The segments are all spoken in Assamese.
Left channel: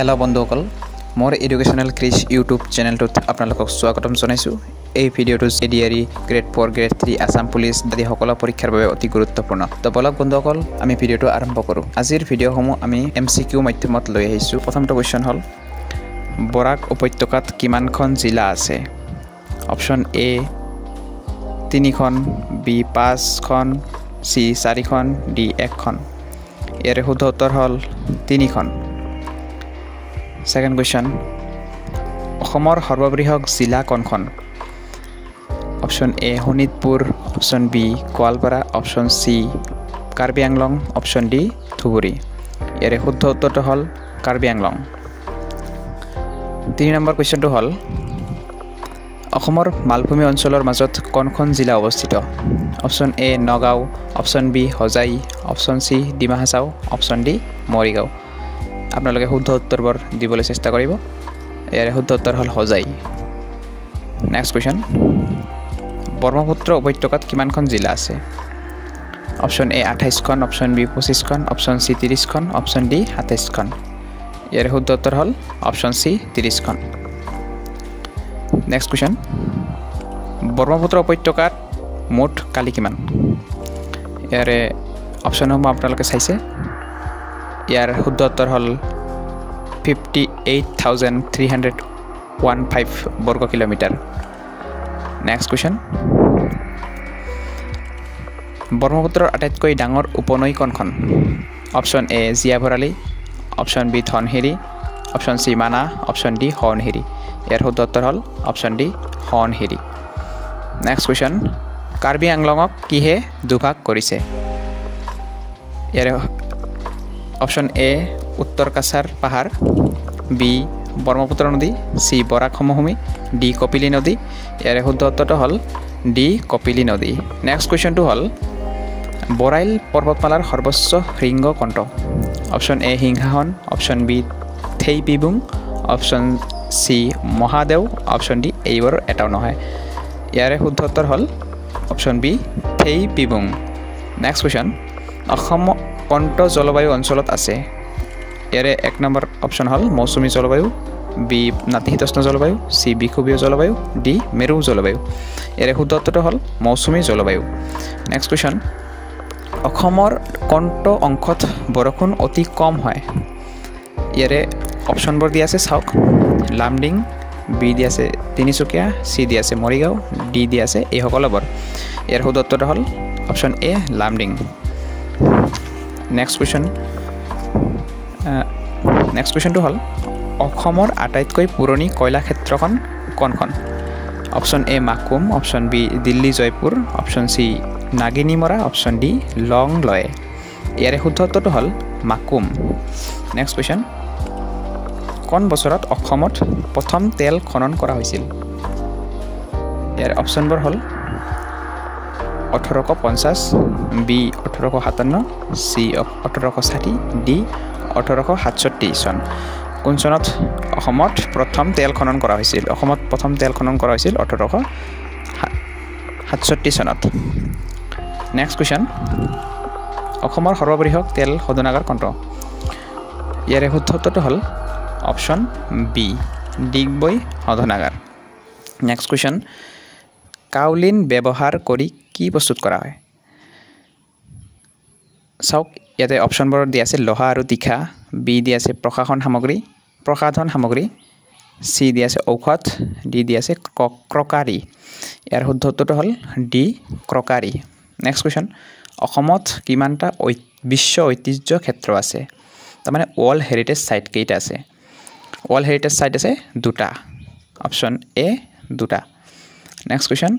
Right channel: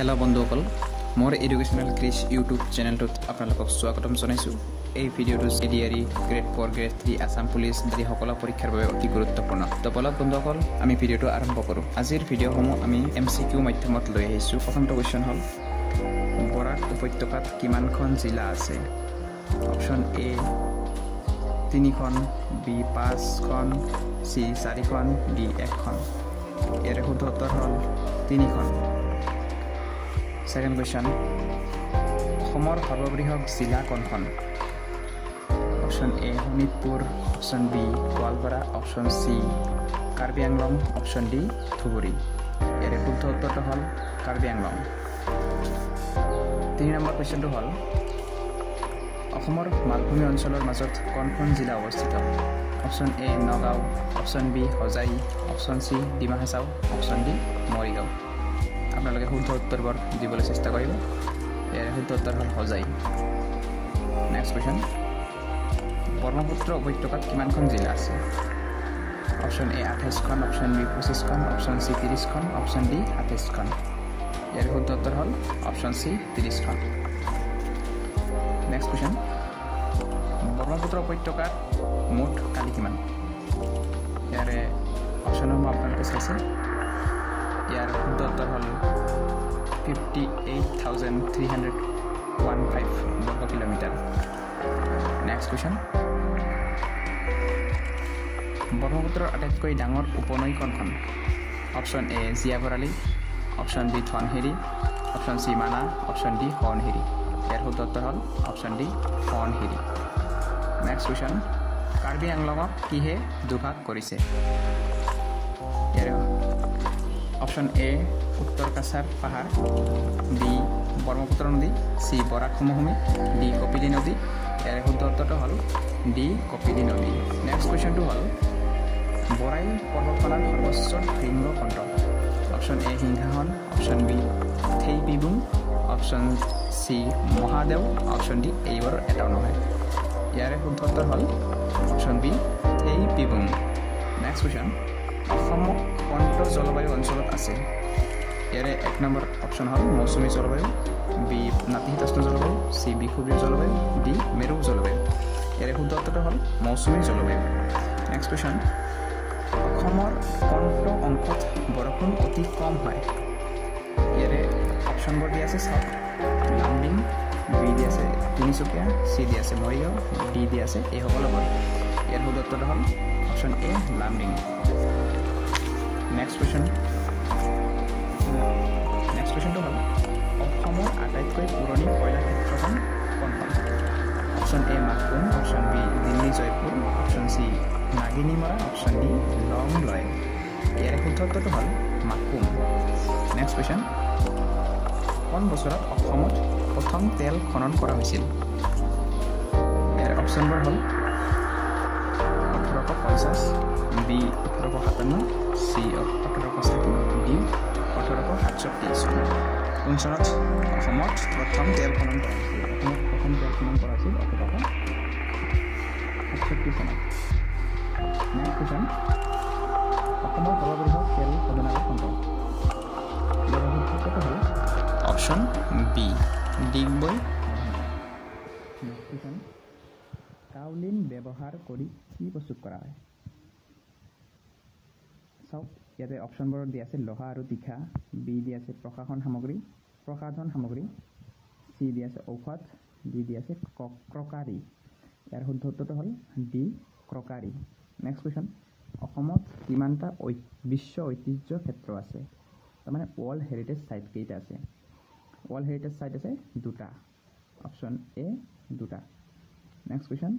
हेलो बंधुসকল मोर एडुकेशनल क्रिज यूट्यूब चेनेलटुत आपनालोকক स्वागतम जनाइछु। এই ভিডিওটো এডিআরই গ্ৰেড 4 গ্ৰেড 3 আসাম পুলিশ আদি সকলো পৰীক্ষাৰ বাবে অতি গুৰুত্বপূৰ্ণ। তো বলক বন্ধুসকল আমি ভিডিওটো আৰম্ভ কৰো। আজিৰ ভিডিওসমূহ আমি এমসিকিউ মাধ্যমত লৈ আহিছো। প্ৰথমটো কোৱেশ্চন হল বৰাক উপত্যকাত কিমানখন জিলা আছে? অপচন এ 3খন, বি 5খন, সি 4খন, ডি 1খন। ইয়াৰ শুদ্ধ উত্তৰ হল 3খন। Second question, অসমৰ সৰ্ববৃহৎ জিলা কোনখন? Option A Sonitpur, option B Goalpara, option C Karbi Anglong, option D Dhubri. ইয়াৰে শুদ্ধ উত্তৰটো হল কাৰ্বি আংলং। 3 নম্বৰ কুৱেশ্যনটো হল অসমৰ মালভূমি অঞ্চলৰ মাজত কোনখন জিলা অৱস্থিত? Option A Nagaon, option B Hojai, option C Dima Hasao, option D Morigaon. আপোনালোকে শুদ্ধ উত্তৰবোৰ দিবলৈ চেষ্টা কৰিব। ইয়াৰ শুদ্ধ উত্তৰ হল হোজাই। নেক্সট কুৱেশ্যন, ব্ৰহ্মপুত্ৰ উপত্যকাত কিমানখন জিলা আছে? অপশন এ 28খন, অপশন বি 25খন, অপশন সি 30খন, অপশন ডি 27খন। ইয়াৰ শুদ্ধ উত্তৰ হল অপশন সি 30খন। নেক্সট কুৱেশ্যন, ব্ৰহ্মপুত্ৰ উপত্যকাত মুঠ কালি কিমান? ইয়াৰে অপশনসমূহ আপোনালোকে চাইছে। ইয়াৰ শুদ্ধ উত্তৰ হল 58,315 বৰ্গ কিলোমিটাৰ। নেক্সট কুৱেশ্যন, ব্ৰহ্মপুত্ৰৰ আটাইতকৈ ডাঙৰ উপনৈ কোনখন? Option A Jia Bharali, option B Dhansiri, option C Mana, option D Subansiri. ইয়াৰ শুদ্ধ উত্তৰ হল option D Subansiri. Next question, Karbi আংলঙক কিহে দুভাগ কৰিছে? ইয়াৰে অপশন এ উত্তৰ কাছাৰ পাহাৰ, বি ব্ৰহ্মপুত্ৰ নদী, সি বৰাক সমভূমি, ডি কপিলী নদী। ইয়াৰে শুদ্ধ উত্তৰটো হ'ল ডি কপিলী নদী। নেক্সট কুৱেশ্যনটো হ'ল বৰাইল পৰ্বতমালাৰ সৰ্বোচ্চ শৃংগ কোনটো? Option A Singhasan, option B Thaipibung, option C Mahadeo, option D এইবোৰৰ এটাও নহয়। ইয়াৰে শুদ্ধ উত্তৰ হ'ল option B Thaipibung. Next question, Assam কোনটো জলবায়ু অঞ্চলত আছে? ইয়াৰে 1 নম্বৰ অপশন হল মৌচুমী জলবায়ু, বি নাতিশীতোষ্ণ জলবায়ু, সি বিষুৱীয় জলবায়ু, ডি মেৰু জলবায়ু। ইয়াৰে শুদ্ধ উত্তৰটো হল মৌচুমী জলবায়ু। নেক্সট কুৱেশ্যন, অসমৰ কোনটো অংশত বৰষুণ অতি কম হয়? ইয়াৰে অপশনবোৰ দিয়া আছে চাওক। লামডিং, বি দিয়া আছে তিনিচুকীয়া, চি দিয়া আছে মৰিগাঁও, ডি দিয়া আছে এই সকলোবোৰ। ইয়াৰ শুদ্ধ উত্তৰটো হল অপশন এ লামডিং। নেক্সট কুৱেশ্যনটো হ'ল অসমৰ আটাইতকৈ পুৰণি কয়লা ক্ষেত্ৰখন কোনখন? Option A Makum, option B Dilli Jaipur, option C Naginimora, option D Longloi. ইয়াৰে শুদ্ধ উত্তৰটো হ'ল মাকুম। নেক্সট কুৱেশ্যন, কোন বছৰত অসমত প্ৰথম তেল খনন কৰা হৈছিল? ইয়াৰ অপশনবোৰ হ'ল 1850, বি 1857, চি 1860, ডি 1867 চন। কোন চনত অসমত প্ৰথম তেল খনন কৰা হৈছিল? অসমত প্ৰথম তেল খনন কৰা হৈছিল 1867 চনত। নেক্সট কুৱেশ্যন, অসমৰ সৰ্ববৃহৎ তেল শোধনাগাৰ কোনটো? ইয়াৰে শুদ্ধ উত্তৰটো হ'ল অপশন বি ডিগবৈ শোধনাগাৰ। নেক্সট কুৱেশ্যন, কাউলিন ব্যৱহাৰ কৰি কি প্ৰস্তুত কৰা হয়? চাওক ইয়াতে অপশনবোৰ দিয়া আছে লোহা আৰু তীখা, বি দিয়া আছে প্ৰসাধন সামগ্ৰী, চি দিয়া আছে ঔষধ, ডি দিয়া আছে ক্ৰকাৰী। ইয়াৰ শুদ্ধ উত্তৰটো হ'ল ডি ক্ৰকাৰী। নেক্সট কুৱেশ্যন, অসমত কিমানটা বিশ্ব ঐতিহ্য ক্ষেত্ৰ আছে? তাৰমানে ৱৰ্ল্ড হেৰিটেজ ছাইট কেইটা আছে? ৱৰ্ল্ড হেৰিটেজ ছাইট আছে 2টা। অপশন এ 2টা। নেক্সট কুৱেশ্যন,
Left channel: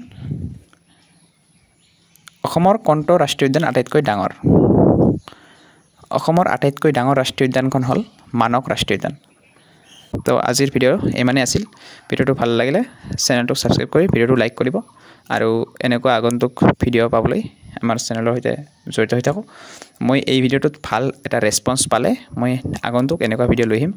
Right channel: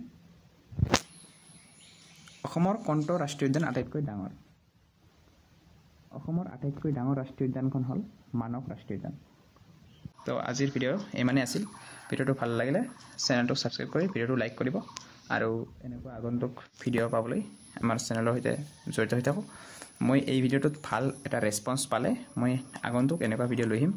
অসমৰ কোনটো ৰাষ্ট্ৰীয় উদ্যান আটাইতকৈ ডাঙৰ? অসমৰ আটাইতকৈ ডাঙৰ ৰাষ্ট্ৰীয় উদ্যানখন হ'ল মানস ৰাষ্ট্ৰীয় উদ্যান। তো আজিৰ ভিডিঅ' ইমানেই আছিল। ভিডিঅ'টো ভাল লাগিলে চেনেলটো ছাবস্ক্ৰাইব কৰি ভিডিঅ'টো লাইক কৰিব আৰু এনেকুৱা আগন্তুক ভিডিঅ' পাবলৈ আমাৰ চেনেলৰ সৈতে জড়িত হৈ থাকক। মই এই ভিডিঅ'টোত ভাল এটা ৰেছপন্স পালে মই আগন্তুক এনেকুৱা ভিডিঅ' লৈ আহিম।